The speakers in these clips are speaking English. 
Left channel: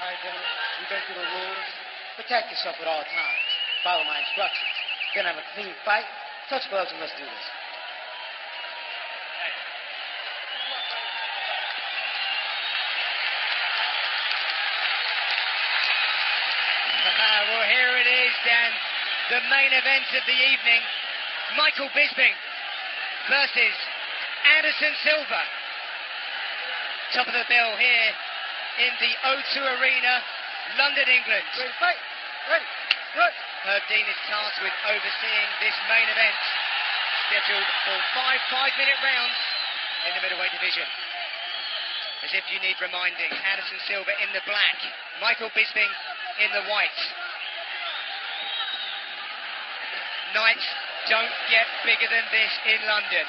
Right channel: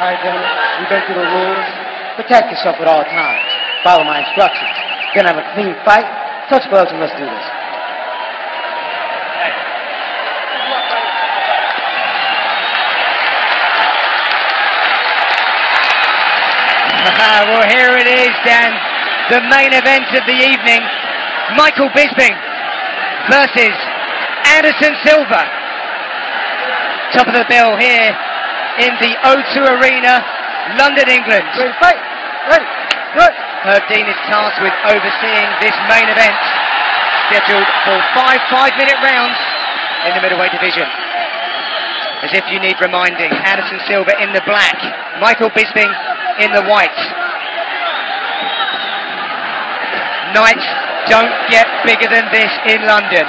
All right, gentlemen, we've been through the rules. Protect yourself at all times. Follow my instructions. We're gonna have a clean fight. Touch gloves and let's do this. Well, here it is, Dan. The main event of the evening. Michael Bisping versus Anderson Silva. Top of the bill here in the O2 Arena, London, England. Ready, fight. Ready. Good. Herb Dean is tasked with overseeing this main event, scheduled for 5 5-minute rounds in the middleweight division. As if you need reminding, Anderson Silva in the black, Michael Bisping in the white. Nights don't get bigger than this in London.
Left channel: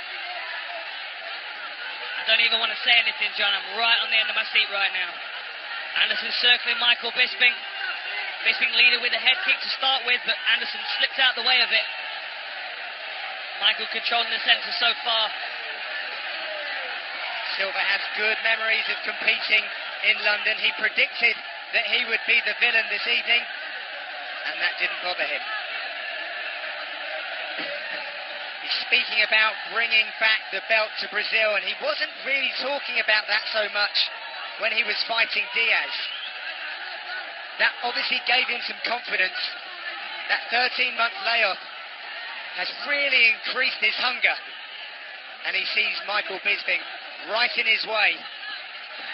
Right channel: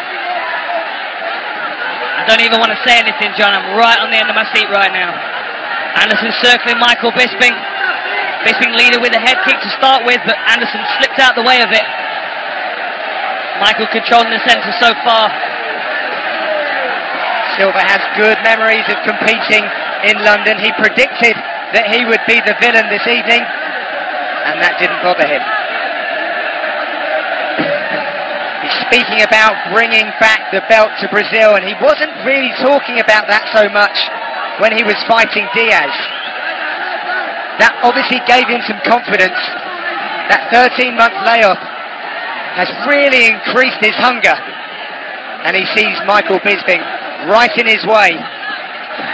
I don't even want to say anything, John. I'm right on the end of my seat right now. Anderson circling Michael Bisping. Bisping leader with a head kick to start with, but Anderson slipped out the way of it. Michael controlling the centre so far. Silva has good memories of competing in London. He predicted that he would be the villain this evening, and that didn't bother him. He's speaking about bringing back the belt to Brazil, and he wasn't really talking about that so much when he was fighting Diaz. That obviously gave him some confidence. That 13-month layoff has really increased his hunger, and he sees Michael Bisping right in his way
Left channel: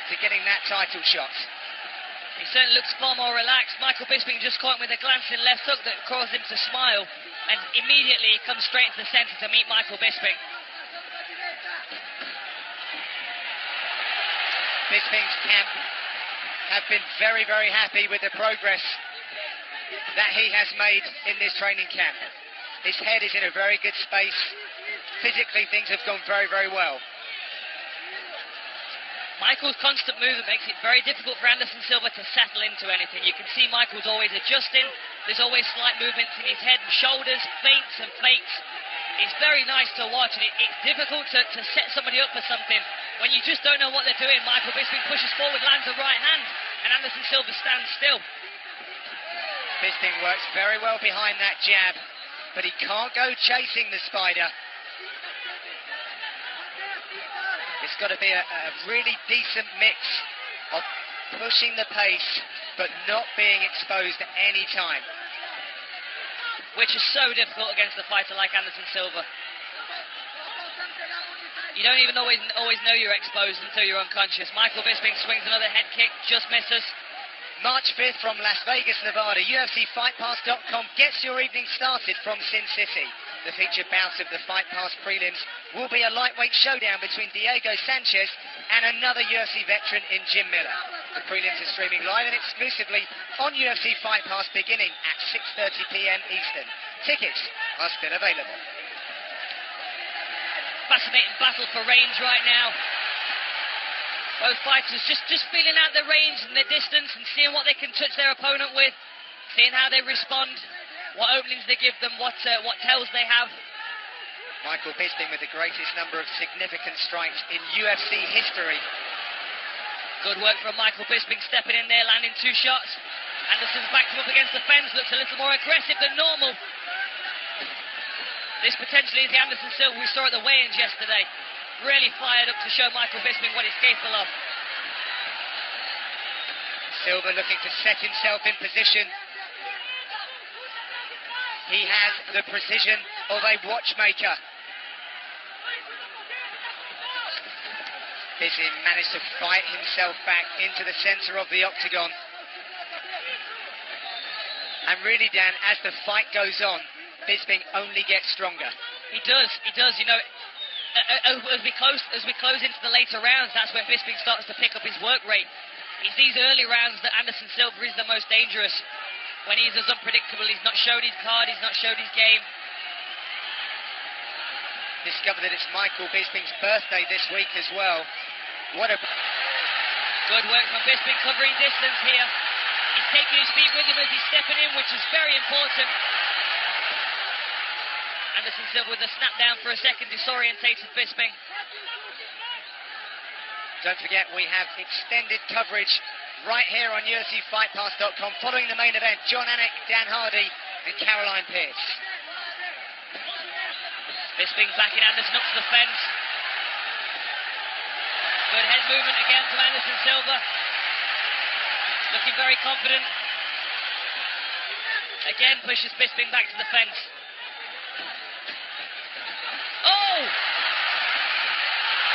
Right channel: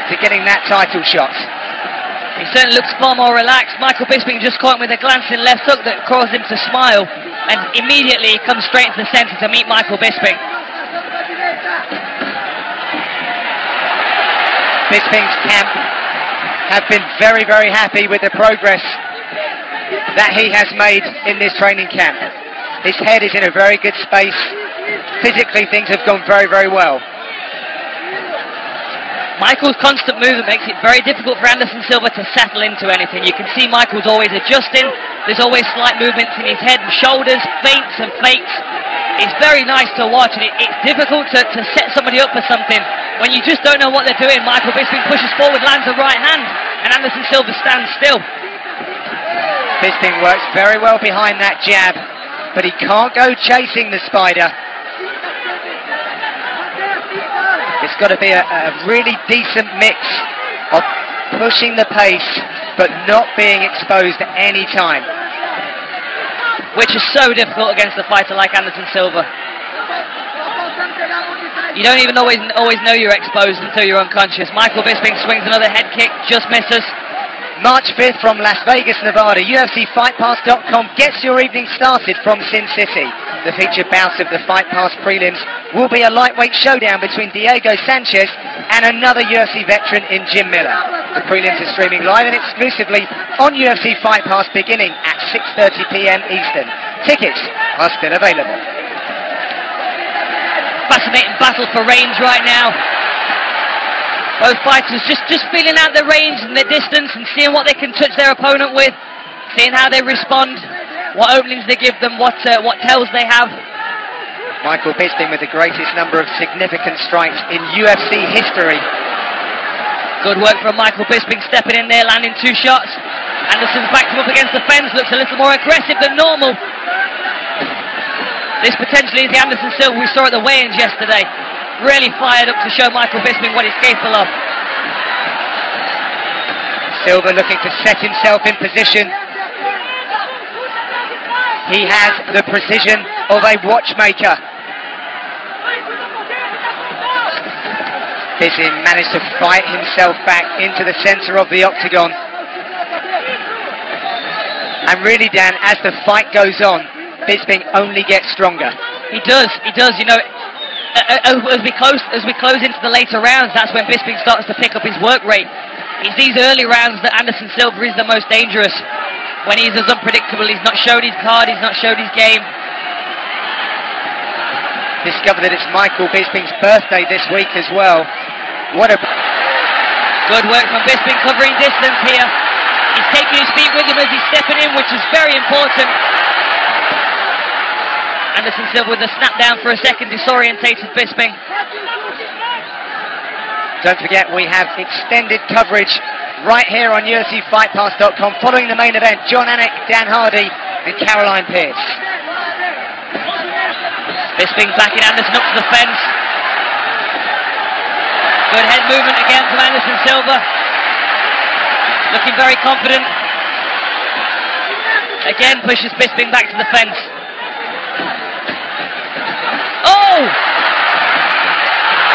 to getting that title shot. He certainly looks far more relaxed. Michael Bisping just caught him with a glancing left hook that caused him to smile, and immediately he comes straight into the centre to meet Michael Bisping. Bisping's camp have been very, very happy with the progress that he has made in this training camp. His head is in a very good space. Physically, things have gone very, very well. Michael's constant movement makes it very difficult for Anderson Silva to settle into anything. You can see Michael's always adjusting. There's always slight movements in his head and shoulders, feints and fakes. It's very nice to watch, and it's difficult to set somebody up for something when you just don't know what they're doing. Michael Bisping pushes forward, lands a right hand, and Anderson Silva stands still. Bisping works very well behind that jab, but he can't go chasing the spider. It's got to be a really decent mix of pushing the pace but not being exposed at any time. Which is so difficult against a fighter like Anderson Silva. You don't even always know you're exposed until you're unconscious. Michael Bisping swings another head kick, just misses. March 5th from Las Vegas, Nevada, UFCFightPass.com gets your evening started from Sin City. The featured bout of the Fight Pass prelims will be a lightweight showdown between Diego Sanchez and another UFC veteran in Jim Miller. The prelims are streaming live and exclusively on UFC Fight Pass beginning at 6:30 p.m. Eastern. Tickets are still available. Fascinating battle for range right now. Both fighters just feeling out the range and the distance and seeing what they can touch their opponent with, seeing how they respond, what openings they give them, what tells they have. Michael Bisping with the greatest number of significant strikes in UFC history. Good work from Michael Bisping, stepping in there, landing 2 shots. Anderson's backed him up against the fence, looks a little more aggressive than normal. This potentially is the Anderson Silva we saw at the weigh-ins yesterday. Really fired up to show Michael Bisping what he's capable of. Silva looking to set himself in position. He has the precision of a watchmaker. Bisping managed to fight himself back into the centre of the octagon. And really, Dan, as the fight goes on, Bisping only gets stronger. He does, you know. As we close into the later rounds, that's when Bisping starts to pick up his work rate. It's these early rounds that Anderson Silva is the most dangerous. When he's as unpredictable, he's not showed his card, he's not showed his game. Discovered that it's Michael Bisping's birthday this week as well. What a... Good work from Bisping covering distance here. He's taking his feet with him as he's stepping in, which is very important. Anderson Silva with a snap down for a second, disorientated Bisping. Don't forget, we have extended coverage right here on UFCFightPass.com, following the main event. John Anik, Dan Hardy, and Caroline Pierce. Bisping backing Anderson up to the fence. Good head movement again from Anderson Silva. Looking very confident. Again pushes Bisping back to the fence. Oh!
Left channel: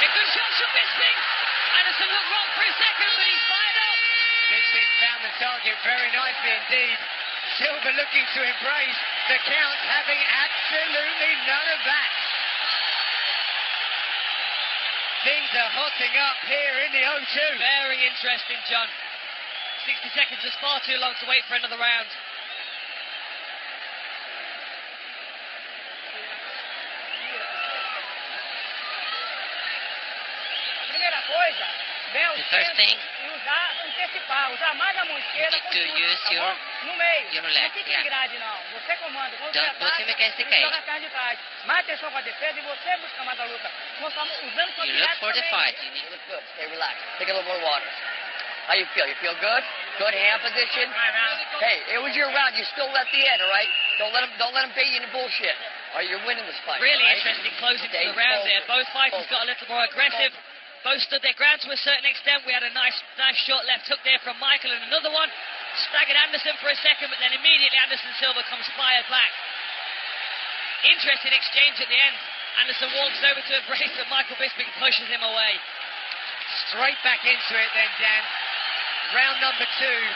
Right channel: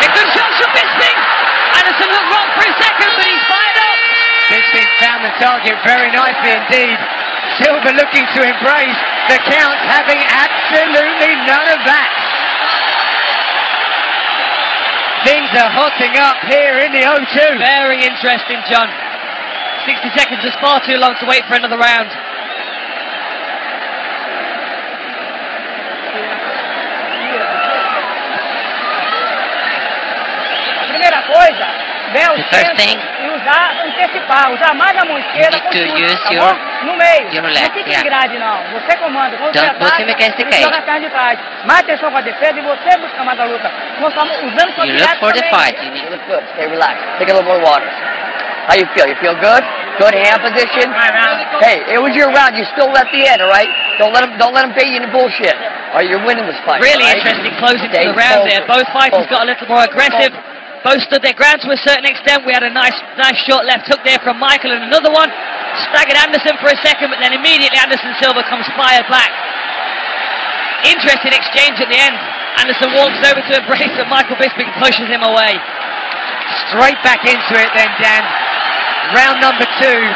A good shot from Bisping! Anderson looked wrong for a second, but he's fired up! Bisping found the target very nicely indeed. Silva looking to embrace the count, having absolutely none of that. Things are hotting up here in the O2. Very interesting, John. 60 seconds is far too long to wait for another round. Primeira coisa, ver o first thing, e usar mais a mão esquerda com chute, tá bom? No meio. Não fique em grade, não. Você comanda. Quando você ataca, você joga a perna de trás. Mais atenção com a defesa e você busca mais a luta. Nós estamos usando sua you look for the fight. You look good. Stay relaxed. Take a little more water. How you feel? You feel good? Good hand position? Hey, it was your round. You still at the end, all right? Don't let them bait you into bullshit. All right, you're winning this fight. Really right? interesting closing to the round there. Both fighters got a little more aggressive. Both stood their ground to a certain extent. We had a nice short left hook there from Michael and another one. Staggered Anderson for a second, but then immediately Anderson Silva comes fired back. Interesting exchange at the end. Anderson walks over to embrace, but Michael Bisping pushes him away. Straight back into it then, Dan. Round number 2.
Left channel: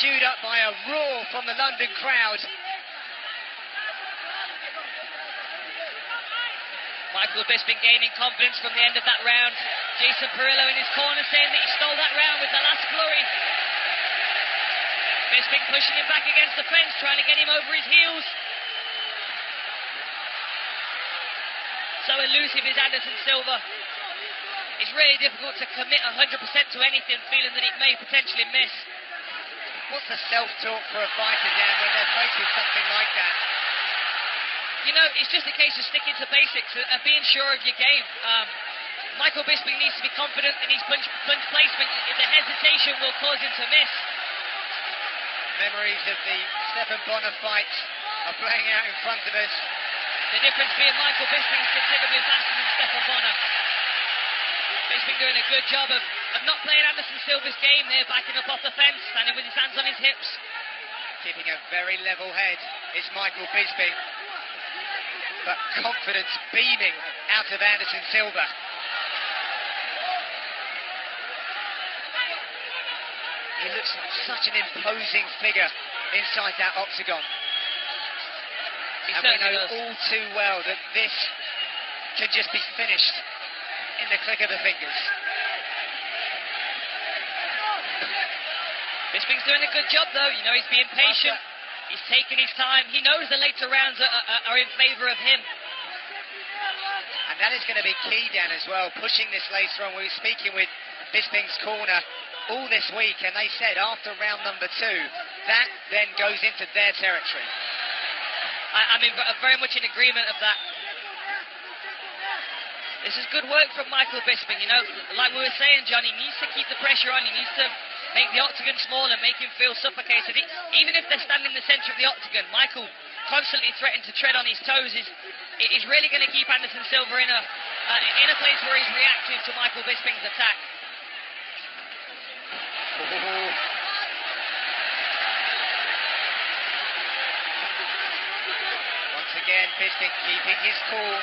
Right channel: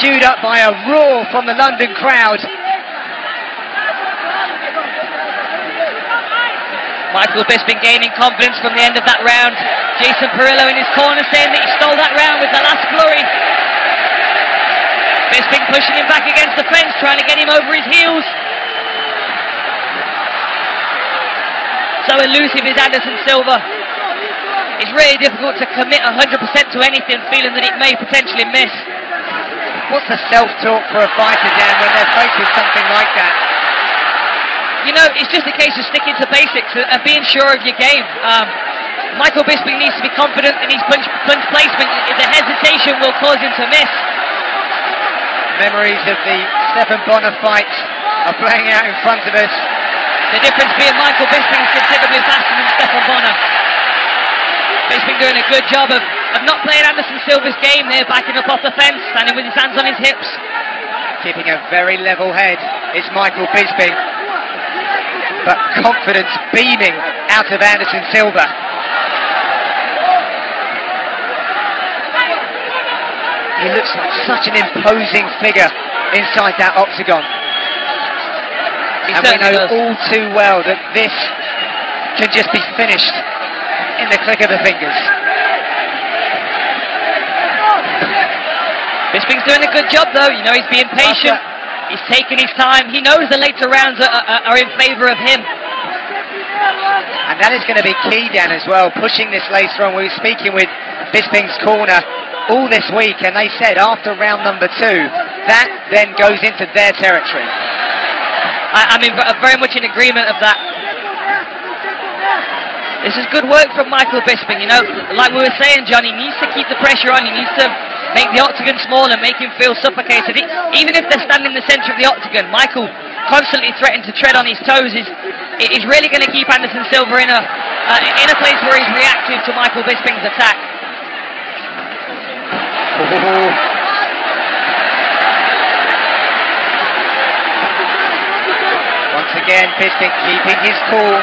Queued up by a roar from the London crowd. Michael Bisping gaining confidence from the end of that round. Jason Perillo in his corner saying that he stole that round with the last flurry. Bisping pushing him back against the fence, trying to get him over his heels. So elusive is Anderson Silva. It's really difficult to commit 100% to anything, feeling that it may potentially miss. What's the self-talk for a fighter, Dan, when they're faced with something like that? You know, it's just a case of sticking to basics and being sure of your game. Michael Bisping needs to be confident in his punch placement. The hesitation will cause him to miss. Memories of the Stephan Bonner fight are playing out in front of us. The difference being Michael Bisping is considerably faster than Stephan Bonner. Bisping doing a good job of not playing Anderson Silva's game there, backing up off the fence, standing with his hands on his hips. Keeping a very level head is Michael Bisping, but confidence beaming out of Anderson Silva. He looks like such an imposing figure inside that octagon. And we know all too well that this can just be finished in the click of the fingers. Bisping's doing a good job though, you know, he's being patient, he's taking his time, he knows the later rounds are in favour of him. And that is going to be key, Dan, as well, pushing this later on. We were speaking with Bisping's corner all this week, and they said after round number 2, that then goes into their territory. I'm very much in agreement of that. This is good work from Michael Bisping, you know, like we were saying, John, he needs to keep the pressure on, he needs to make the octagon small and make him feel suffocated. Even if they're standing in the centre of the octagon, Michael constantly threatening to tread on his toes is really going to keep Anderson Silva in a place where he's reactive to Michael Bisping's attack. Once again, Bisping keeping his cool,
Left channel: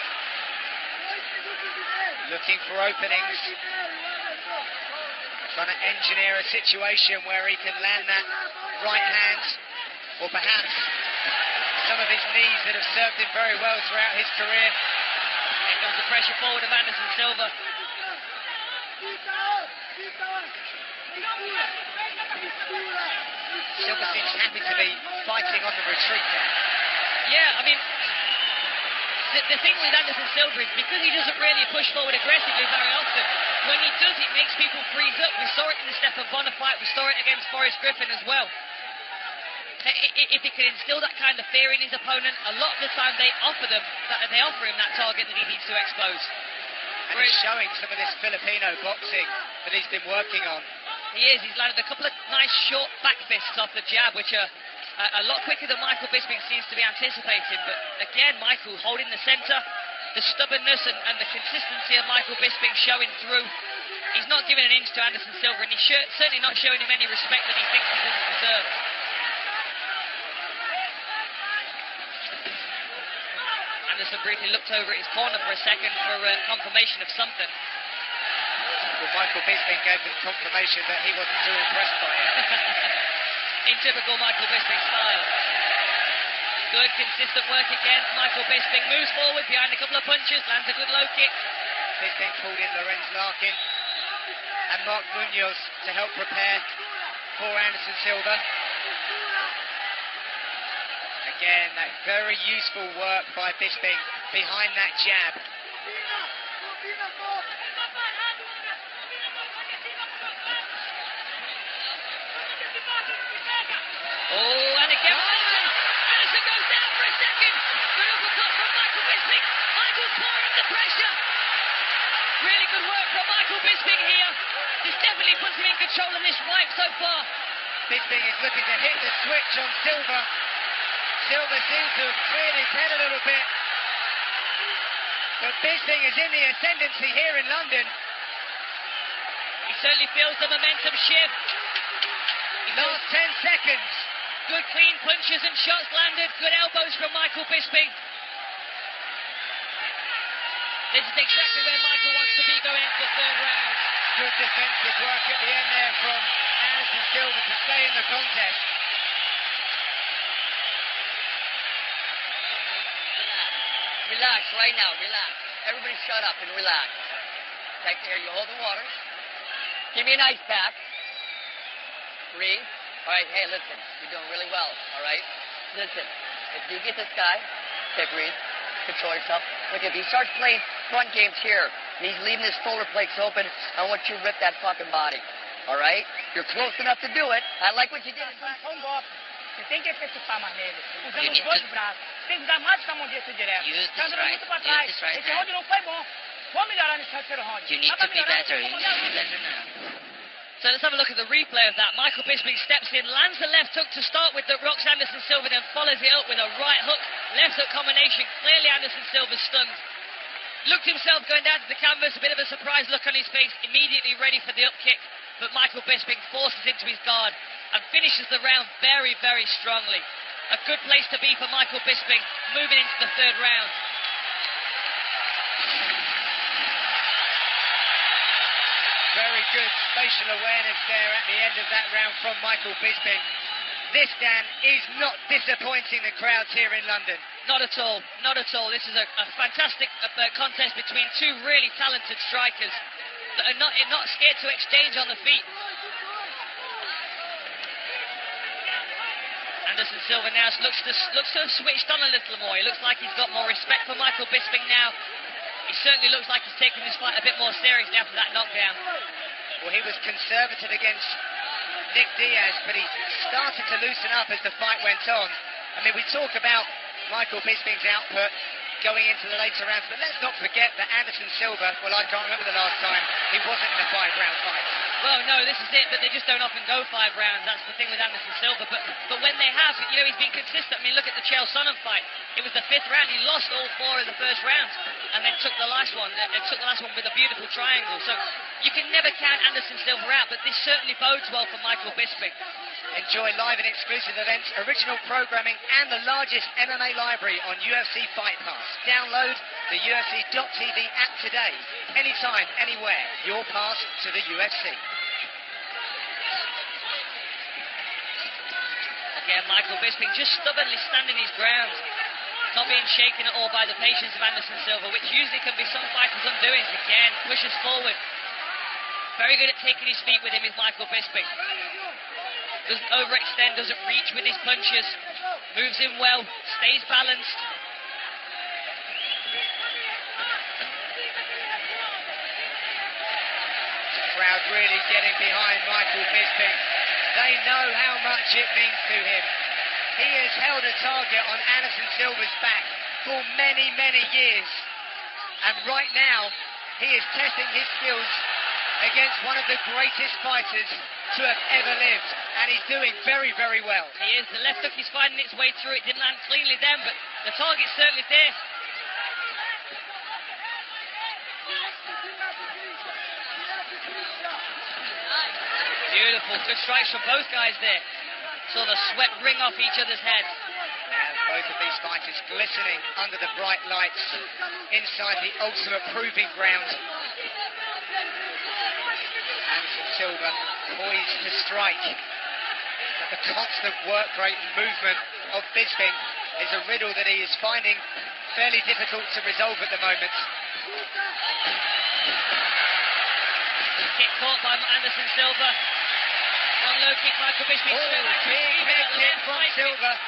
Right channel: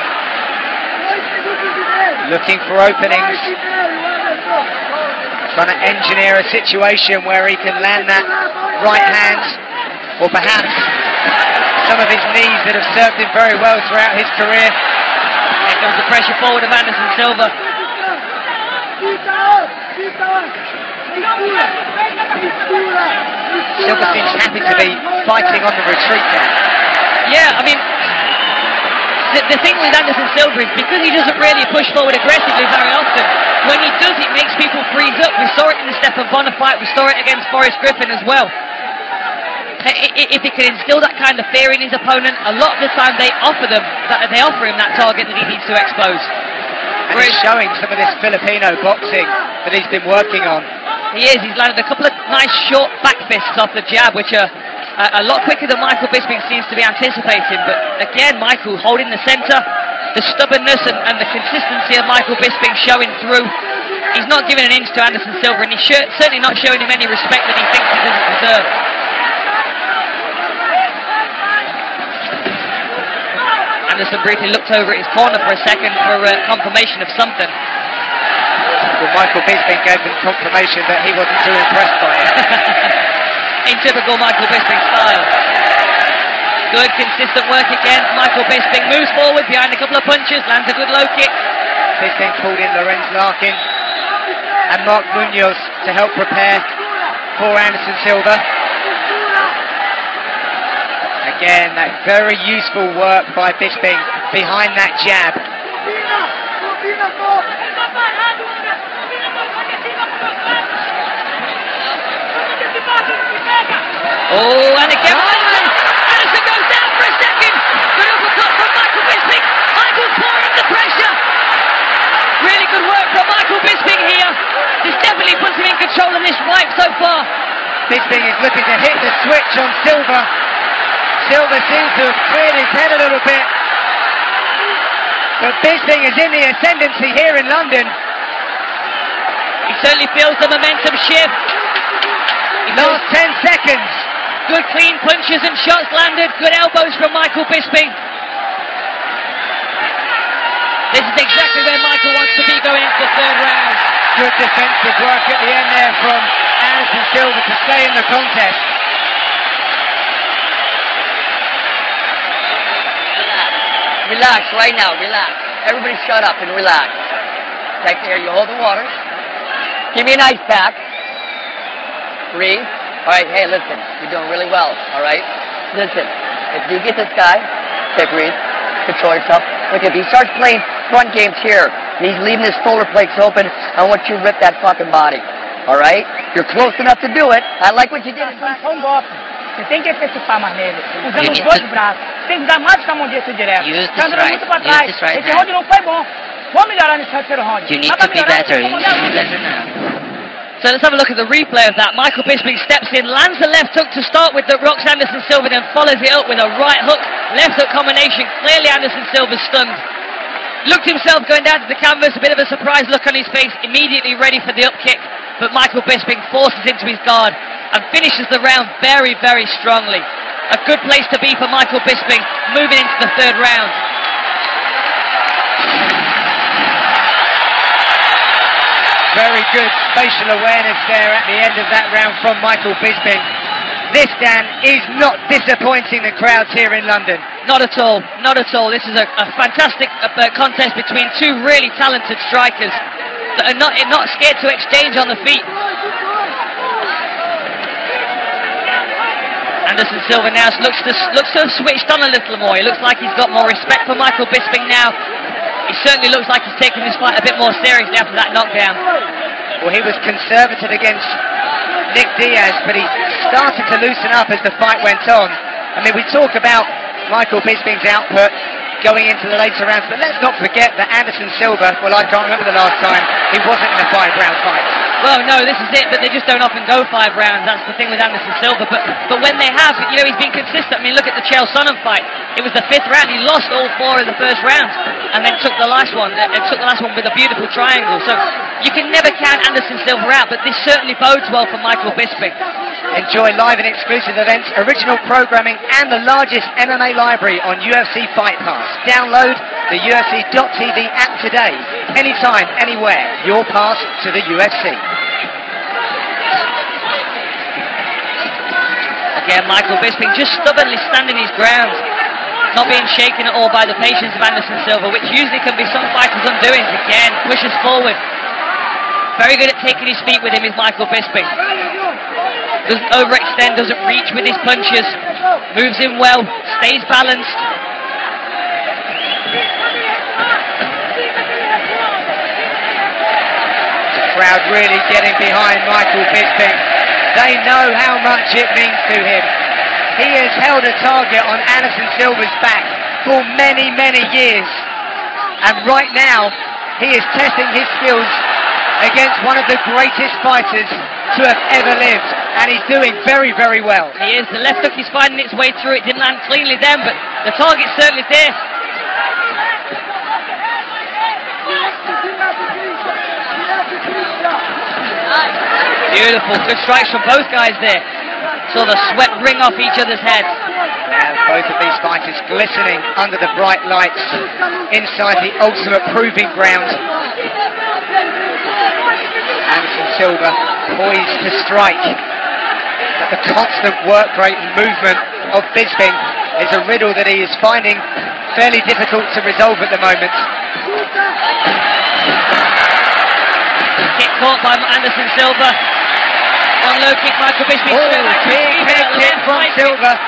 looking for openings, trying to engineer a situation where he can land that right hand, or perhaps some of his knees that have served him very well throughout his career. Here comes the pressure forward of Anderson Silva. Silva seems happy to be fighting on the retreat there. Yeah, I mean, the thing with Anderson Silva is because he doesn't really push forward aggressively very often, when he does it makes people freeze up. We saw it in the Stephan Bonner fight, we saw it against Forrest Griffin as well. If he can instill that kind of fear in his opponent, a lot of the time they offer him that target that he needs to expose. And he's showing some of this Filipino boxing that he's been working on. He is. He's landed a couple of nice short back fists off the jab, which are a lot quicker than Michael Bisping seems to be anticipating. But again, Michael holding the centre, the stubbornness and the consistency of Michael Bisping showing through. He's not giving an inch to Anderson Silva, and he's certainly not showing him any respect that he thinks he doesn't deserve. Anderson briefly looked over at his corner for a second for confirmation of something. Well, Michael Bisping gave him confirmation that he wasn't too impressed by it. In typical Michael Bisping style. Good, consistent work again. Michael Bisping moves forward behind a couple of punches, lands a good low kick. Bisping pulled in Lorenz Larkin and Mark Munoz to help prepare for Anderson Silva. Again, that very useful work by Bisping behind that jab. Oh, and again, Anderson goes down for a second. Good uppercut from Michael Bisping. Michael's pouring under pressure. Really good work from Michael Bisping here. This definitely puts him in control of this fight so far. Bisping is looking to hit the switch on Silva. Silva seems to have cleared his head a little bit. But Bisping is in the ascendancy here in London. He certainly feels the momentum shift. Last 10 seconds. Good clean punches and shots landed. Good elbows from Michael Bisping. This is exactly where Michael wants to be going into the third round. Good defensive work at the end there from Anderson Silva to stay in the contest. Relax right now, relax. Everybody shut up and relax. Take care, you hold the water. Give me an ice pack. Breathe. All right, hey, listen, you're doing really well, all right? Listen, if you get this guy, okay, breathe, control yourself. Look, if he starts playing front games here, and he's leaving his shoulder plates open, I want you to rip that fucking body, all right? You're close enough to do it. I like what you did. Só golpe. Você tem que antecipar mais nele, usando os dois braços. Tem que dar mais com a mão direita direto. Tá andando muito pra trás. Esse round não foi bom. Vou melhorar nesse terceiro round. You need to be better. You need to be better now. So let's have a look at the replay of that. Michael Bisping steps in, lands the left hook to start with that rocks Anderson Silva, then follows it up with a right hook, left hook combination. Clearly Anderson Silva's stunned. Looked himself going down to the canvas, a bit of a surprised look on his face, immediately ready for the up kick. But Michael Bisping forces into his guard and finishes the round very, very strongly. A good place to be for Michael Bisping moving into the third round. Very good spatial awareness there at the end of that round from Michael Bisping. This, Dan, is not disappointing the crowds here in London. Not at all, not at all. This is a fantastic contest between two really talented strikers that are not scared to exchange on the feet. Anderson Silva now looks to have switched on a little more. He looks like he's got more respect for Michael Bisping now. He certainly looks like he's taking this fight a bit more seriously after that knockdown. Well, he was conservative against Nick Diaz, but he started to loosen up as the fight went on. I mean, we talk about Michael Bisping's output going into the later rounds, but let's not forget that Anderson Silva, well, I can't remember the last time he wasn't in a 5-round fight. Well, no, this is it, but they just don't often go 5 rounds. That's the thing with Anderson Silva. But when they have, you know, he's been consistent. I mean, look at the Chael Sonnen fight. It was the 5th round. He lost all 4 of the first rounds and then took the last one. Took the last one with a beautiful triangle. So you can never count Anderson Silva out, but this certainly bodes well for Michael Bisping. Enjoy live and exclusive events, original programming, and the largest MMA library on UFC Fight Pass. Download the UFC.tv app today. Anytime, anywhere. Your pass to the UFC. Again, Michael Bisping just stubbornly standing his ground, not being shaken at all by the patience of Anderson Silva, which usually can be some fighters' undoings. Again, pushes forward. Very good at taking his feet with him is Michael Bisping. Doesn't overextend, doesn't reach with his punches. Moves in well, stays balanced. The crowd really getting behind Michael Bisping. They know how much it means to him. He has held a target on Anderson Silva's back for many, many years. And right now, he is testing his skills against one of the greatest fighters to have ever lived, and he's doing very, very well. He is. The left hook is finding its way through. It didn't land cleanly then, but the target's certainly there. Beautiful. Good strikes from both guys there. Saw the sweat ring off each other's heads. Yeah, both of these fighters glistening under the bright lights inside the ultimate proving ground. Anderson Silva poised to strike, but the constant work rate and movement of Bisping is a riddle that he is finding fairly difficult to resolve at the moment. Kick caught by Anderson Silva. One low kick, Michael Bisping. Big head kick from Silva.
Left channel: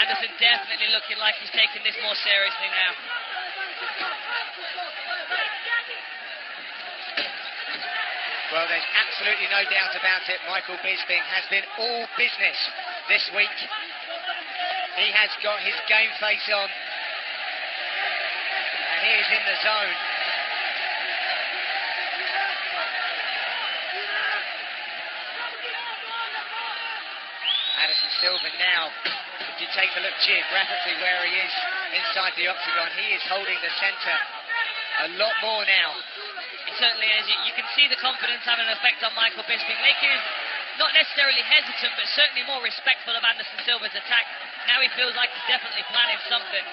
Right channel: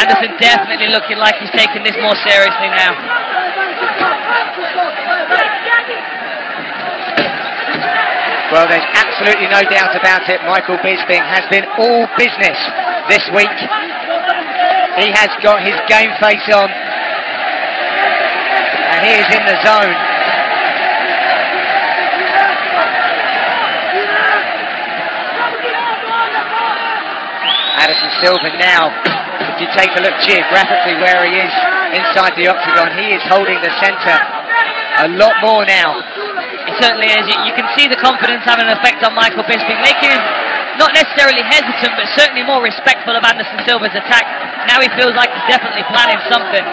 Anderson definitely looking like he's taking this more seriously now. Well, there's absolutely no doubt about it. Michael Bisping has been all business this week. He has got his game face on, and he is in the zone. Anderson Silva now, if you take a look geographically where he is inside the octagon, he is holding the centre a lot more now. It certainly is. You can see the confidence having an effect on Michael Bisping, making him not necessarily hesitant, but certainly more respectful of Anderson Silva's attack. Now he feels like he's definitely planning something.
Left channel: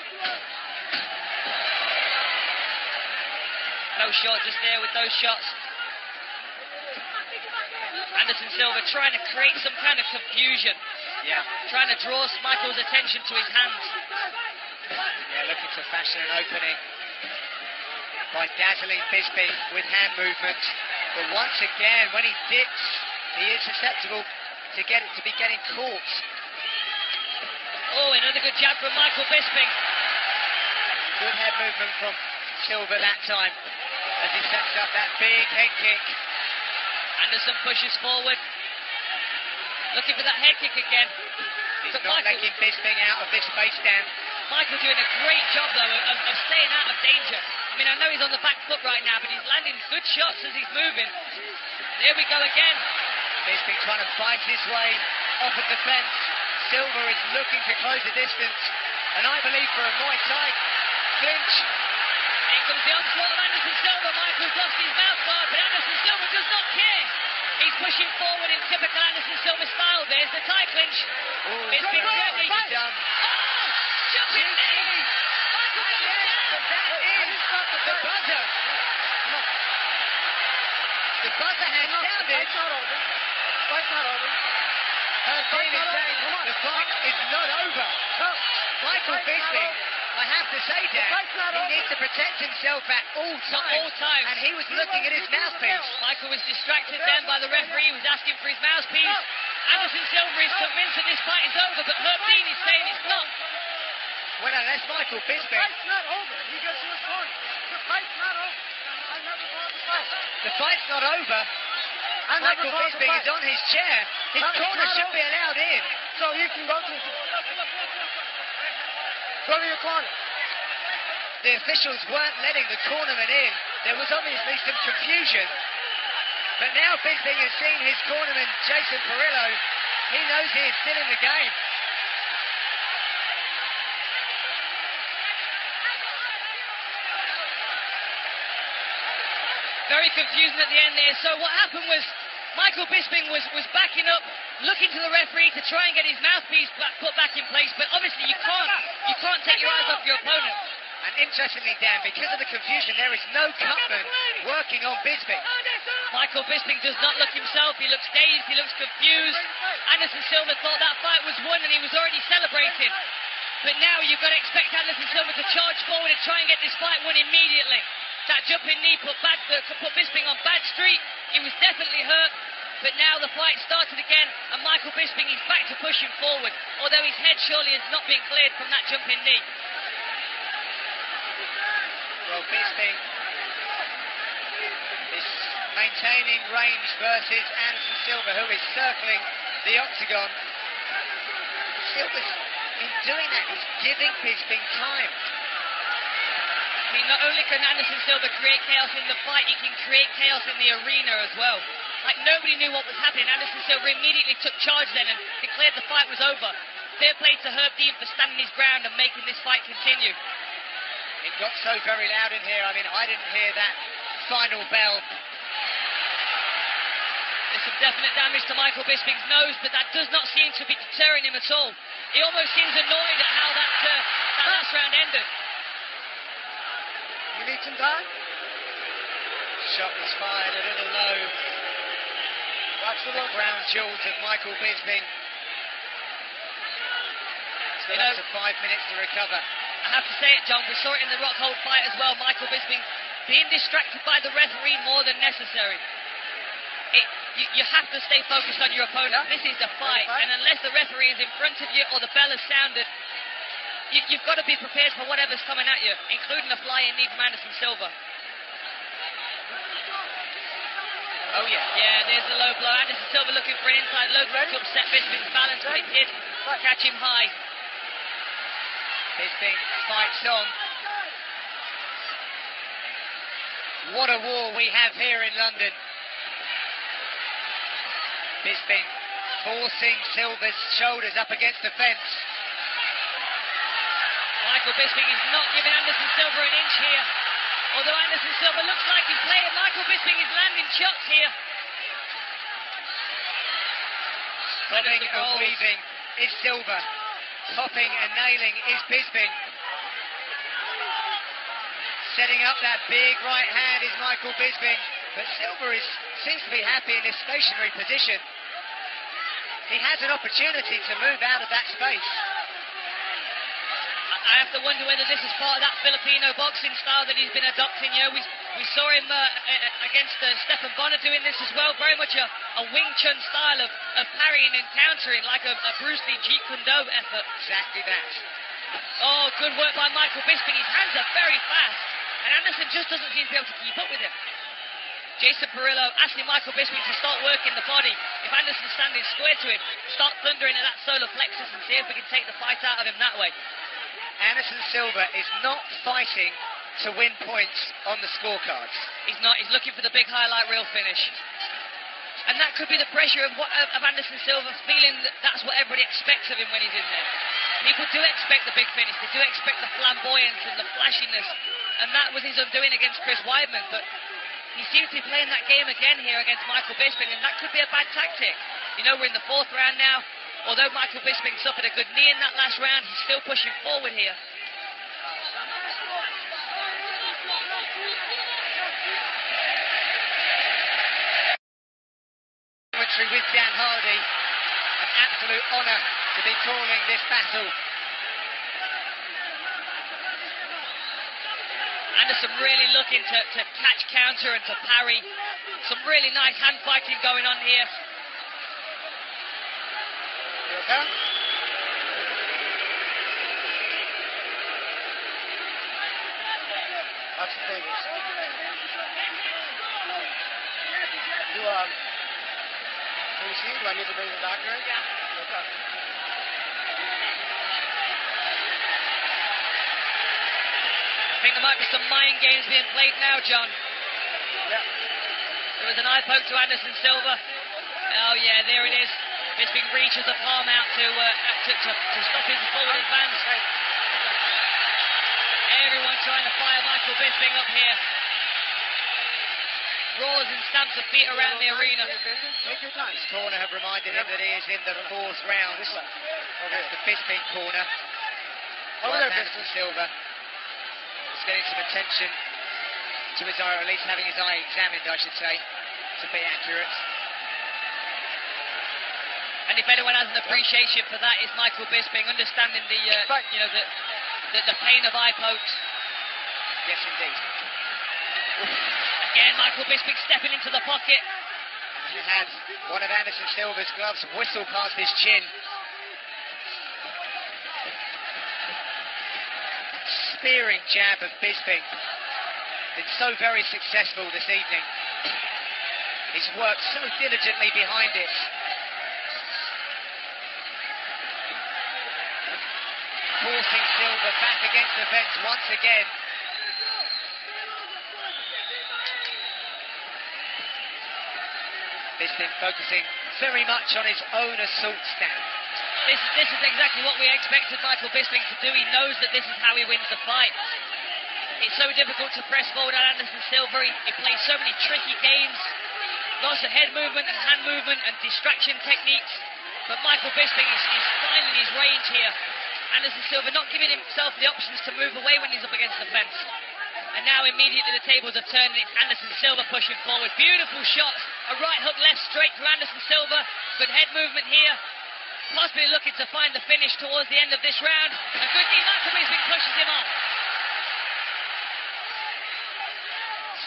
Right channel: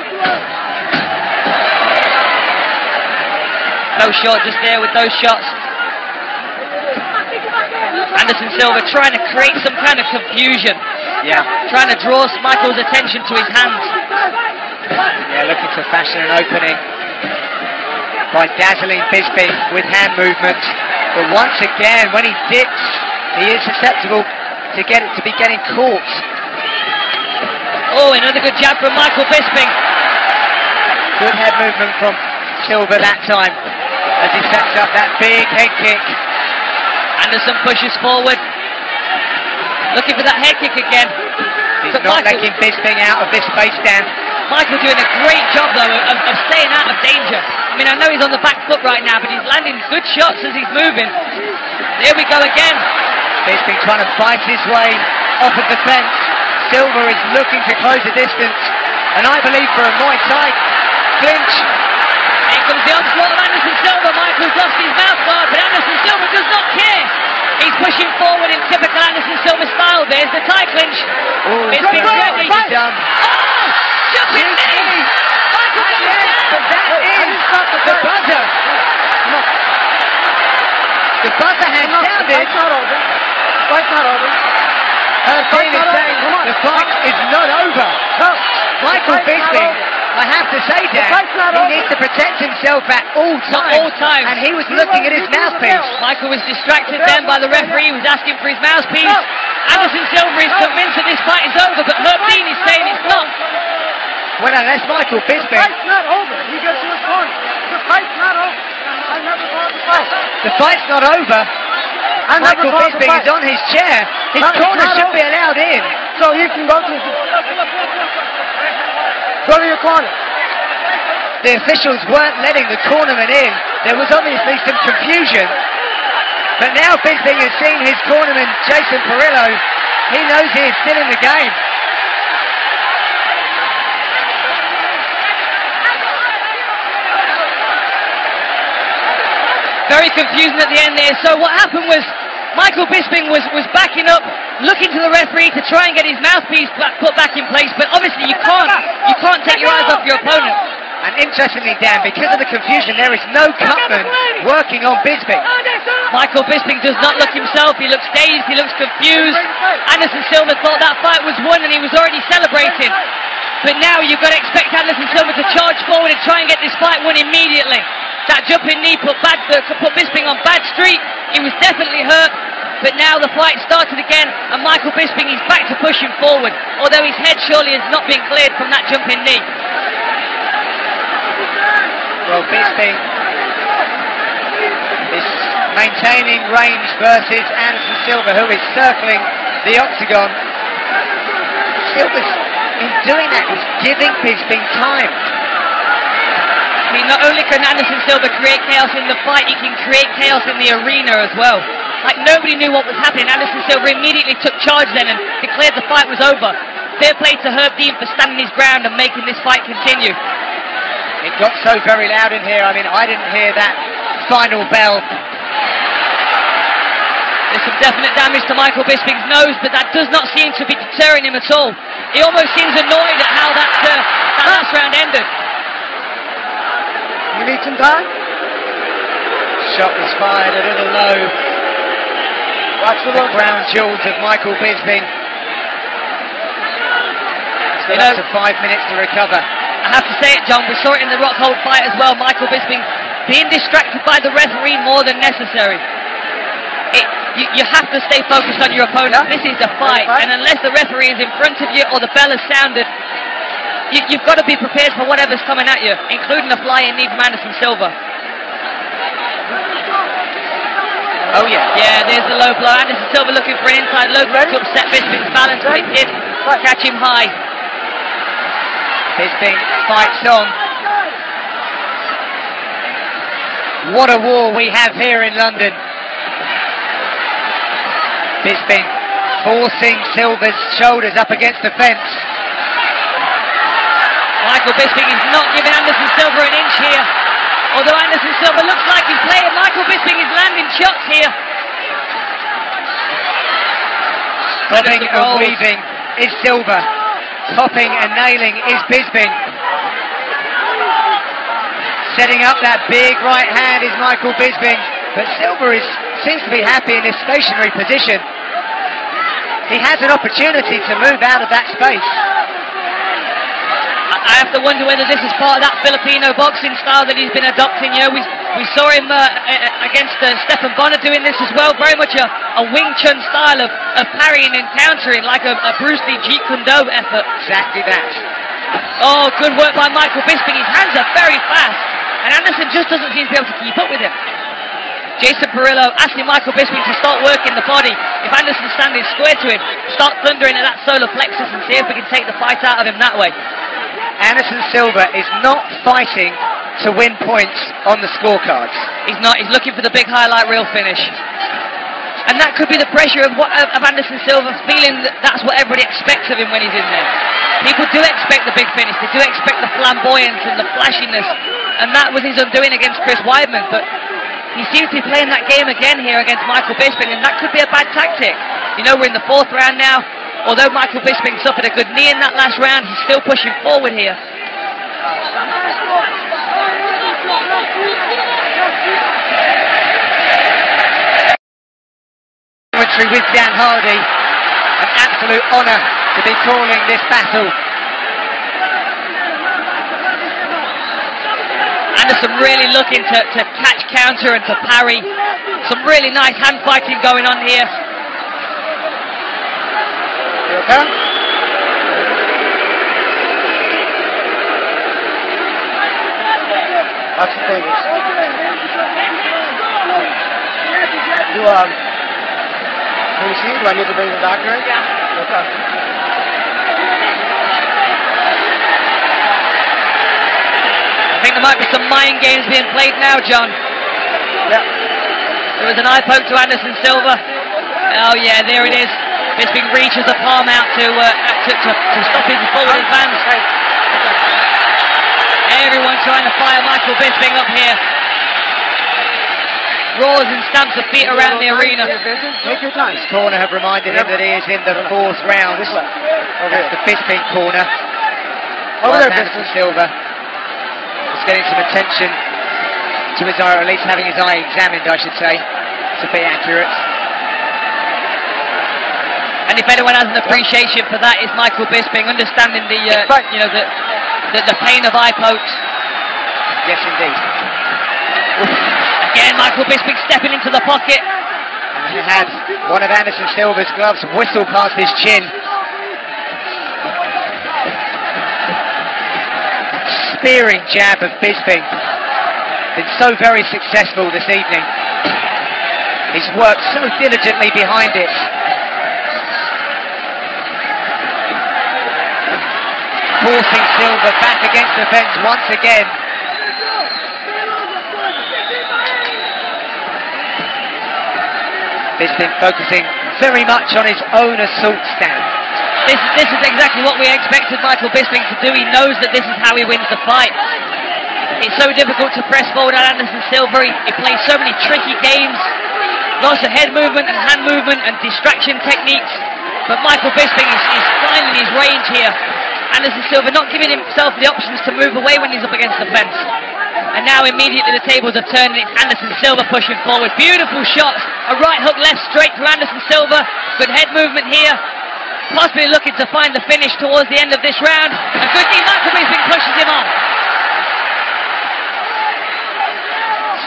No short just there with those shots. Anderson Silva trying to create some kind of confusion. Yeah. Trying to draw Michael's attention to his hands. Yeah, looking to fashion an opening by dazzling Bisping with hand movements. But once again, when he dips, he is susceptible to be getting caught. Oh, another good jab from Michael Bisping. Good head movement from Silva that time as he sets up that big head kick. Anderson pushes forward, looking for that head kick again. He's not letting Bisping out of this space, Dan. Michael doing a great job, though, of staying out of danger. I mean, I know he's on the back foot right now, but he's landing good shots as he's moving. There we go again. Bisping trying to fight his way off of the fence. Silva is looking to close the distance, and I believe for a Muay Thai clinch. Here comes the onslaught of Anderson Silva. Michael's lost his mouth guard, but Anderson Silva does not care. He's pushing forward in typical Anderson Silva style. There's the Thai clinch. Bisping's ready. Oh! Jumping knee! Michael goes down! But that is the buzzer. The buzzer has sounded. Fight's not over. Fight's not over. David saying the fight is not over. No. Michael Bisping, I have to say, Dan, he needs to protect himself at all times. And he was looking at his mouthpiece. Michael was distracted then by the referee who was asking for his mouthpiece. Anderson Silva is convinced that this fight is over, but Herb Dean is saying it's not. Well, unless Michael Bisping... The fight's not over. He gets to his corner. The fight's not over. I never fought the fight. The fight's not over. Michael Bisping is on his chair. His corner should be allowed in. So you can go to your corner. The officials weren't letting the cornerman in. There was obviously some confusion. But now Bisping has seen his cornerman, Jason Perillo. He knows he is still in the game. Very confusing at the end there. So what happened was Michael Bisping was backing up, looking to the referee to try and get his mouthpiece put back in place, but obviously you can't take your eyes off your opponent. And interestingly, Dan, because of the confusion, there is no cutman working on Bisping. Michael Bisping does not look himself. He looks dazed, he looks confused. Anderson Silva thought that fight was won and he was already celebrating. But now you've got to expect Anderson Silva to charge forward and try and get this fight won immediately. That jumping knee put Bisping on bad street. He was definitely hurt. But now the fight started again, and Michael Bisping is back to pushing forward, although his head surely has not been cleared from that jumping knee. Well, Bisping is maintaining range versus Anderson Silva, who is circling the octagon. Silva's, in doing that, is giving Bisping time. mean, not only can Anderson Silva create chaos in the fight, he can create chaos in the arena as well. Like, nobody knew what was happening. Anderson Silva immediately took charge then and declared the fight was over. Fair play to Herb Dean for standing his ground and making this fight continue. It got so very loud in here. I mean, I didn't hear that final bell. There's some definite damage to Michael Bisping's nose, but that does not seem to be deterring him at all. He almost seems annoyed at how that last round ended. You need some time? Shot was fired a little low. Watch the crown jewels of Michael Bisping. Still up to 5 minutes to recover. I have to say it, John, we saw it in the Rockhold fight as well. Michael Bisping being distracted by the referee more than necessary. You have to stay focused on your opponent. This is a fight, and unless the referee is in front of you or the bell has sounded, you've got to be prepared for whatever's coming at you, including a flying knee from Anderson Silva. Oh yeah. Yeah, there's the low blow. Anderson Silva looking for an inside low blow to upset Bisping's balance, but it did catch him high. Bisping fights on. What a war we have here in London. Bisping forcing Silva's shoulders up against the fence. Michael Bisping is not giving Anderson Silva an inch here. Although Anderson Silva looks like he's playing, Michael Bisping is landing shots here. Bobbing and weaving is Silva. Topping and nailing is Bisping. Setting up that big right hand is Michael Bisping. But Silva seems to be happy in his stationary position. He has an opportunity to move out of that space. I have to wonder whether this is part of that Filipino boxing style that he's been adopting. You know, we saw him against Stephan Bonner doing this as well. Very much a Wing Chun style of parrying and countering, like a Bruce Lee Jeet Kune Do effort. Exactly that. Oh, good work by Michael Bisping. His hands are very fast, and Anderson just doesn't seem to be able to keep up with him. Jason Perillo asking Michael Bisping to start working the body. If Anderson's standing square to him, start thundering at that solar plexus and see if we can take the fight out of him that way. Anderson Silva is not fighting to win points on the scorecards. He's not. He's looking for the big highlight reel finish. And that could be the pressure of Anderson Silva, feeling that that's what everybody expects of him when he's in there. People do expect the big finish. They do expect the flamboyance and the flashiness. And that was his undoing against Chris Weidman. But he seems to be playing that game again here against Michael Bisping, and that could be a bad tactic. You know, we're in the 4th round now. Although Michael Bisping suffered a good knee in that last round, he's still pushing forward here. Commentary with Dan Hardy. An absolute honour to be calling this battle. Anderson really looking to catch counter and to parry. Some really nice hand fighting going on here. You okay? Watch the fingers. Can you see? Do I need to bring the doctor in? Yeah. Okay. I think there might be some mind games being played now, John. Yeah. There was an eye poke to Anderson Silva. Oh yeah, there it is. Bisping reaches the palm out to stop his forward advance. Everyone trying to fire Michael Bisping up here. Roars and stamps of feet around the arena. Take your time. His corner have reminded him that he is in the 4th round. This way. That's the Bisping corner. Over there, Anderson Silva is getting some attention to his eye, or at least having his eye examined, I should say, to be accurate. And if anyone has an appreciation for that, it's Michael Bisping, understanding the pain of eye pokes. Yes, indeed. Again, Michael Bisping stepping into the pocket. And he had one of Anderson Silva's gloves whistle past his chin. Spearing jab of Bisping. Been so very successful this evening. He's worked so diligently behind it. Forcing Silva back against the fence once again. Bisping focusing very much on his own assault stance. This is exactly what we expected Michael Bisping to do. He knows that this is how he wins the fight. It's so difficult to press forward at Anderson Silva. He plays so many tricky games. Lots of head movement and hand movement and distraction techniques. But Michael Bisping is finding his range here. Anderson Silva not giving himself the options to move away when he's up against the fence. And now immediately the tables are turned and it's Anderson Silva pushing forward. Beautiful shots. A right hook left straight to Anderson Silva. Good head movement here. Possibly looking to find the finish towards the end of this round. A good knee. Michael Bisping pushes him on.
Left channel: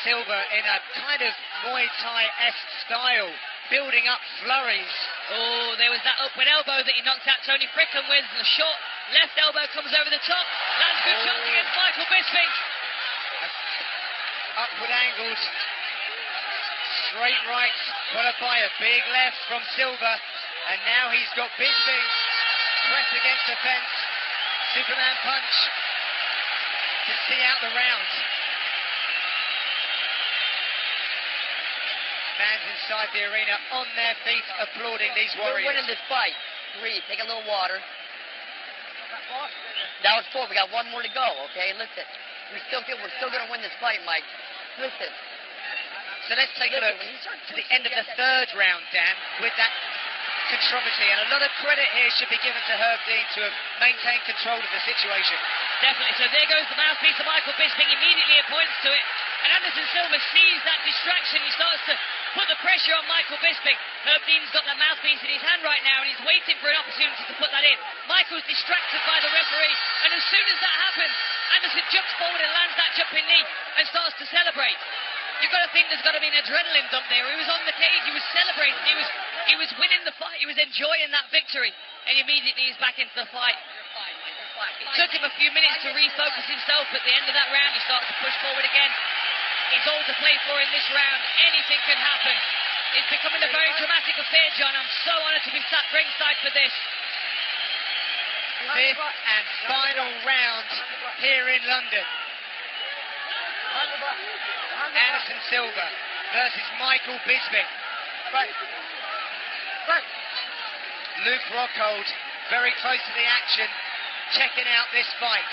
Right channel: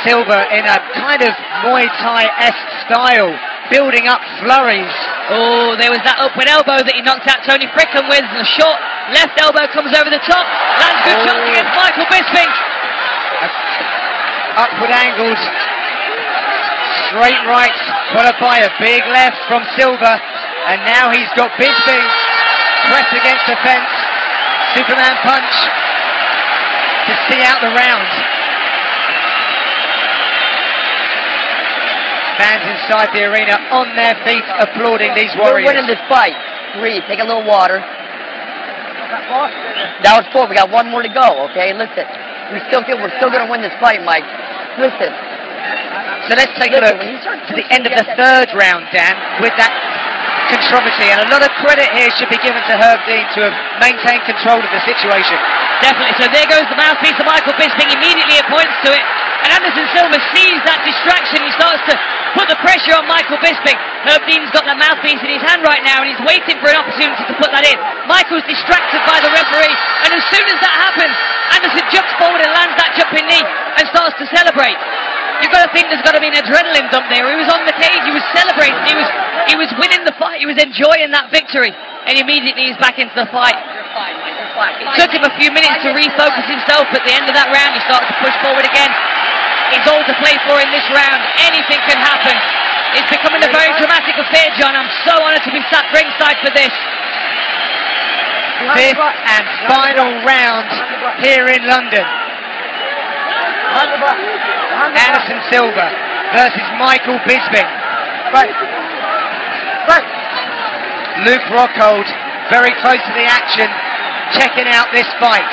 Silva in a kind of Muay Thai-esque style, building up flurries. Oh, there was that upward elbow that he knocked out Tony Fricklin with. The short left elbow comes over the top. Lands good shots against Michael Bisping. Upward angled, straight right, followed by a big left from Silva. And now he's got Bisping pressed against the fence. Superman punch to see out the round. Fans inside the arena on their feet applauding these warriors. We're winning this fight. 3, take a little water. That was 4, we got 1 more to go, okay? Listen, we're still going to win this fight, Mike. Listen. So let's take a look to the end of the 3rd round, Dan, with that controversy. And a lot of credit here should be given to Herb Dean to have maintained control of the situation. Definitely. So there goes the mouthpiece of Michael Bisping. Immediately it points to it. And Anderson Silva sees that distraction. He starts to put the pressure on Michael Bisping. Herb Dean's got the mouthpiece in his hand right now and he's waiting for an opportunity to put that in. Michael's distracted by the referee, and as soon as that happens, Anderson jumps forward and lands that jumping knee and starts to celebrate. You've got to think there's got to be an adrenaline dump there. He was on the cage, he was celebrating, he was winning the fight, he was enjoying that victory, and immediately he's back into the fight. It took him a few minutes to refocus himself. At the end of that round, he started to push forward again. It's all to play for in this round. Anything can happen. It's becoming a very dramatic affair, John. I'm so honoured to be sat ringside for this. 5th and final round here in London. Anderson Silva versus Michael Bisping. Luke Rockhold very close to the action, checking out this fight.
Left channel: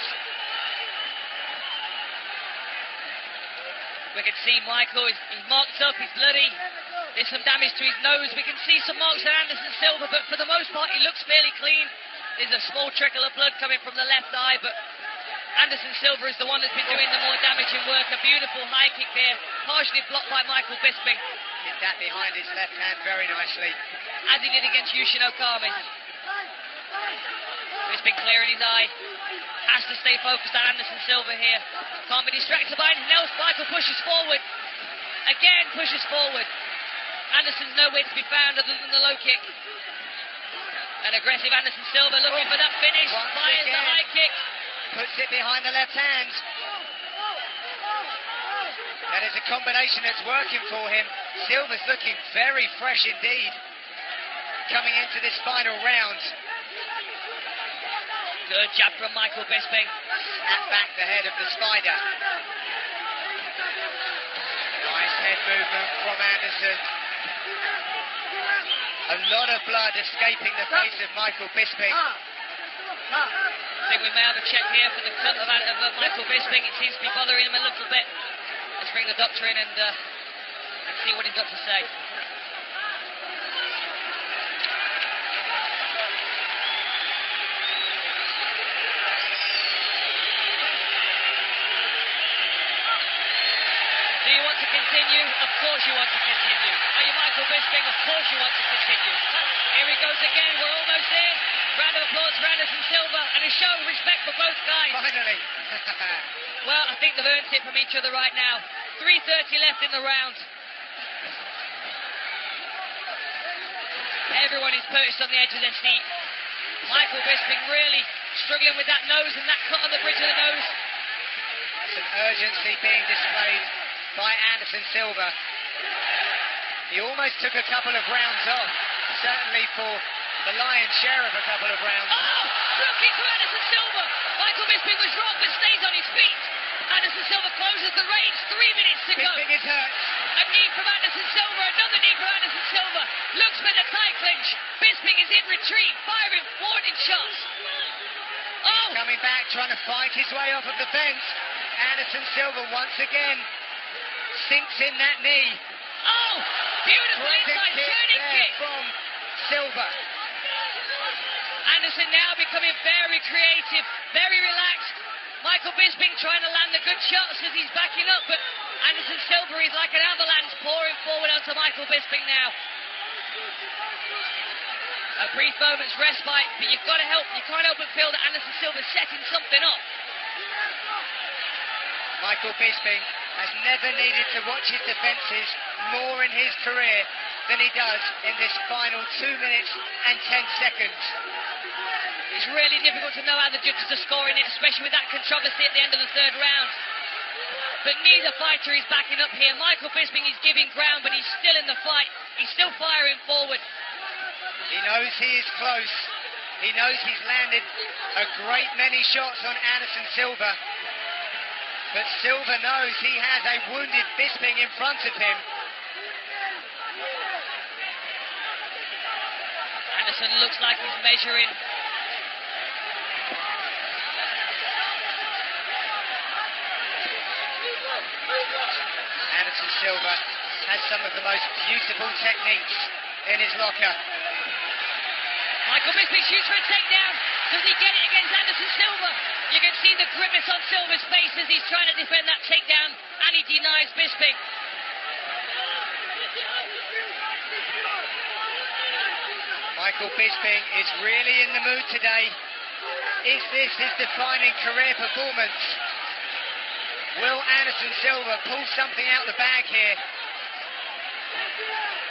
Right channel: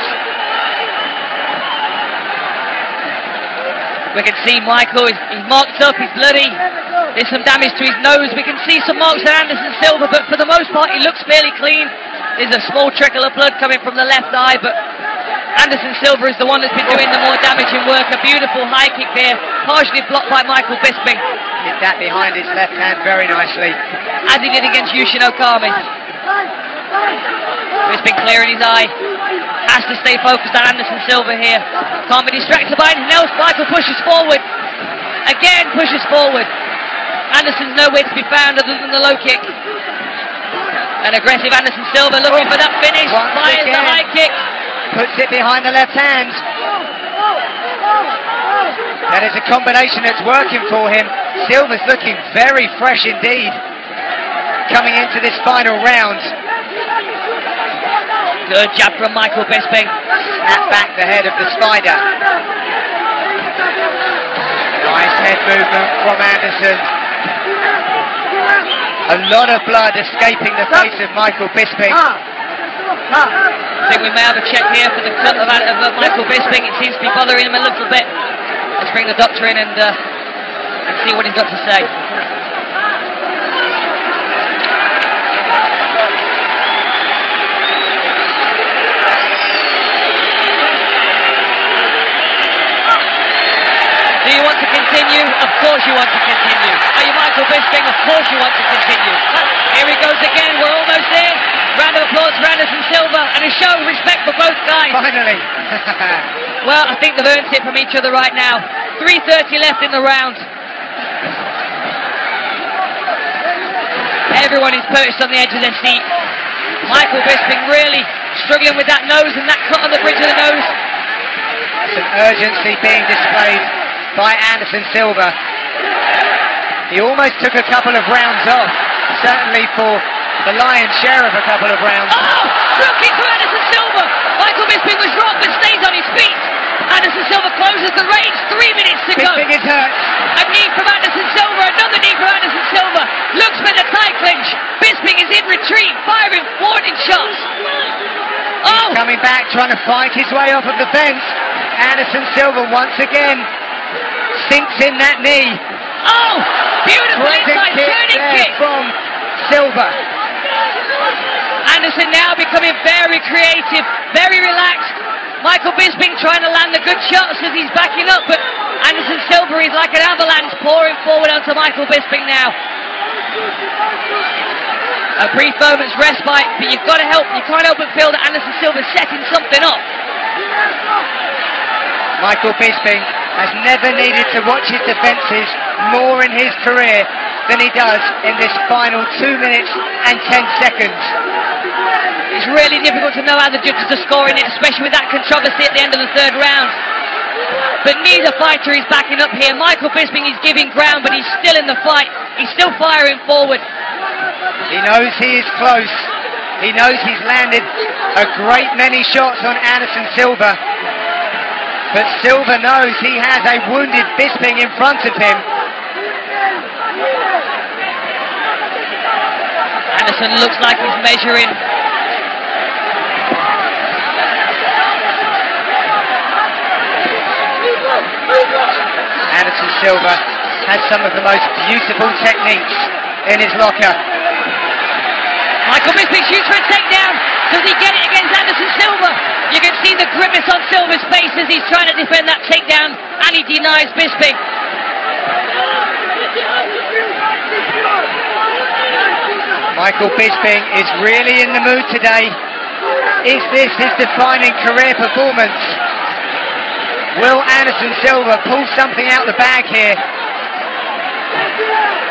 We can see Michael, he's marked up, he's bloody. There's some damage to his nose. We can see some marks on Anderson Silva, but for the most part he looks fairly clean. There's a small trickle of blood coming from the left eye, but Anderson Silva is the one that's been doing the more damaging work. A beautiful high kick there, partially blocked by Michael Bisping. Hit that behind his left hand very nicely, as he did against Yushin Okami. Bisping clearing his eye. Has to stay focused on Anderson Silva here. Can't be distracted by anything else. Michael pushes forward. Again pushes forward. Anderson's nowhere to be found other than the low kick. An aggressive Anderson Silva looking for that finish. Fires the high kick. Puts it behind the left hand. That is a combination that's working for him. Silva's looking very fresh indeed coming into this final round. Good jab from Michael Bisping. Snap back the head of the spider. Nice head movement from Anderson. A lot of blood escaping the face of Michael Bisping. I think we may have a check here for the cut of Michael Bisping. It seems to be bothering him a little bit. Let's bring the doctor in and see what he's got to say. Do you want to continue? Of course you want to continue. Are you Michael Bisping? Of course you want to continue. Here he goes again. We're almost there. Round of applause for Anderson Silva and a show of respect for both guys. Finally. Well, I think they've earned it from each other right now. 3:30 left in the round. Everyone is perched on the edge of their seat. Michael Bisping really struggling with that nose and that cut on the bridge of the nose. Some urgency being displayed by Anderson Silva. He almost took a couple of rounds off, certainly for the lion's share of a couple of rounds. Oh! Real kick to Anderson Silva! Michael Bisping was dropped but stays on his feet. Anderson Silva closes the range, 3 minutes to go. Bisping is hurt. A knee from Anderson Silva, another knee from Anderson Silva. Looks for the tie clinch. Bisping is in retreat, firing warning shots. Oh! He's coming back, trying to fight his way off of the fence. Anderson Silva once again sinks in that knee. Oh! Beautiful inside turning kick from Silva. Anderson now becoming very creative, very relaxed. Michael Bisping trying to land the good shots as he's backing up, but Anderson Silva is like an avalanche pouring forward onto Michael Bisping now. A brief moment's respite, but you've got to help. You can't help but feel that Anderson Silva's setting something up. Michael Bisping has never needed to watch his defences more in his career than he does in this final 2 minutes and 10 seconds. It's really difficult to know how the judges are scoring it, especially with that controversy at the end of the third round. But neither fighter is backing up here. Michael Bisping is giving ground, but he's still in the fight. He's still firing forward. He knows he is close. He knows he's landed a great many shots on Anderson Silva. But Silva knows he has a wounded Bisping in front of him. Anderson looks like he's measuring. Anderson Silva has some of the most beautiful techniques in his locker. Michael Bisping shoots for a takedown. Does he get it against Anderson Silva? You can see the grimace on Silva's face as he's trying to defend that takedown, and he denies Bisping. Michael Bisping is really in the mood today. Is this his defining career performance? Will Anderson Silva pull something out the bag here?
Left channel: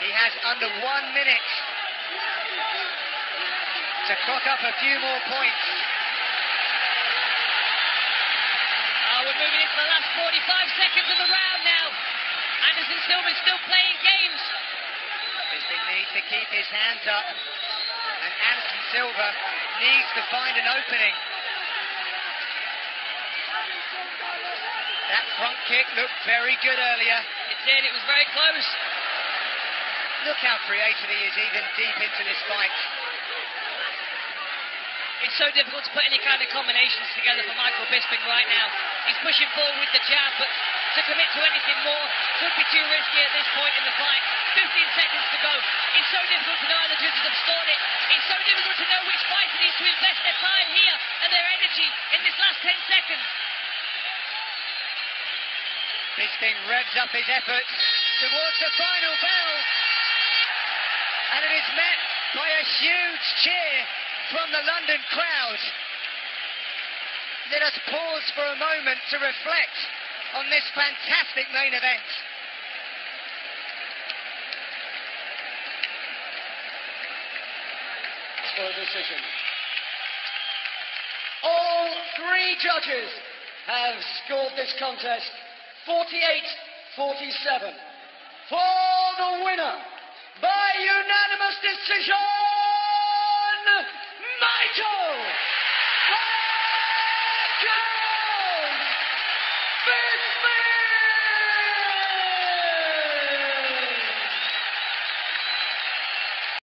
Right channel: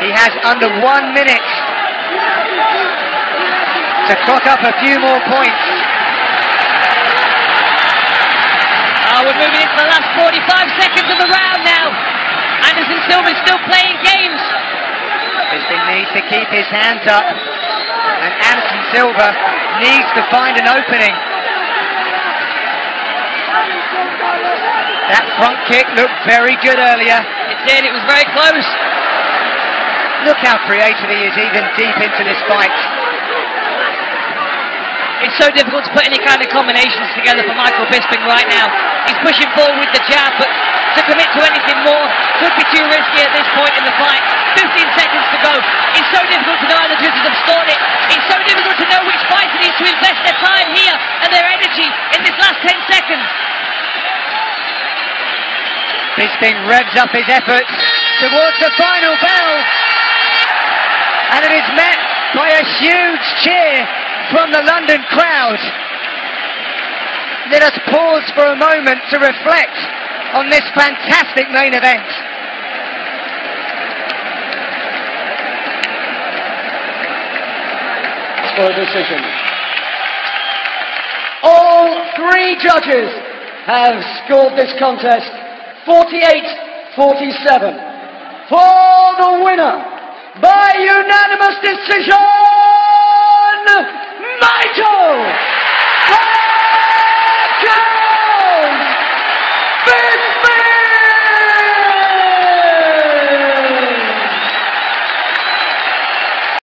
He has under 1 minute to clock up a few more points. We're moving into the last 45 seconds of the round now. Anderson Silva is still playing games. Bisping needs to keep his hands up, and Anderson Silva needs to find an opening. That front kick looked very good earlier. It did, it was very close. Look how creative he is even deep into this fight. It's so difficult to put any kind of combinations together for Michael Bisping right now. He's pushing forward with the jab, but to commit to anything more could be too risky at this point in the fight. 15 seconds to go. It's so difficult to know how the judges have scored it. It's so difficult to know which fighter needs to invest their time here and their energy in this last 10 seconds. Bisping revs up his efforts towards the final bell, and it is met by a huge cheer from the London crowd. Let us pause for a moment to reflect on this fantastic main event. For a decision. All three judges have scored this contest 48-47 for the winner by unanimous decision,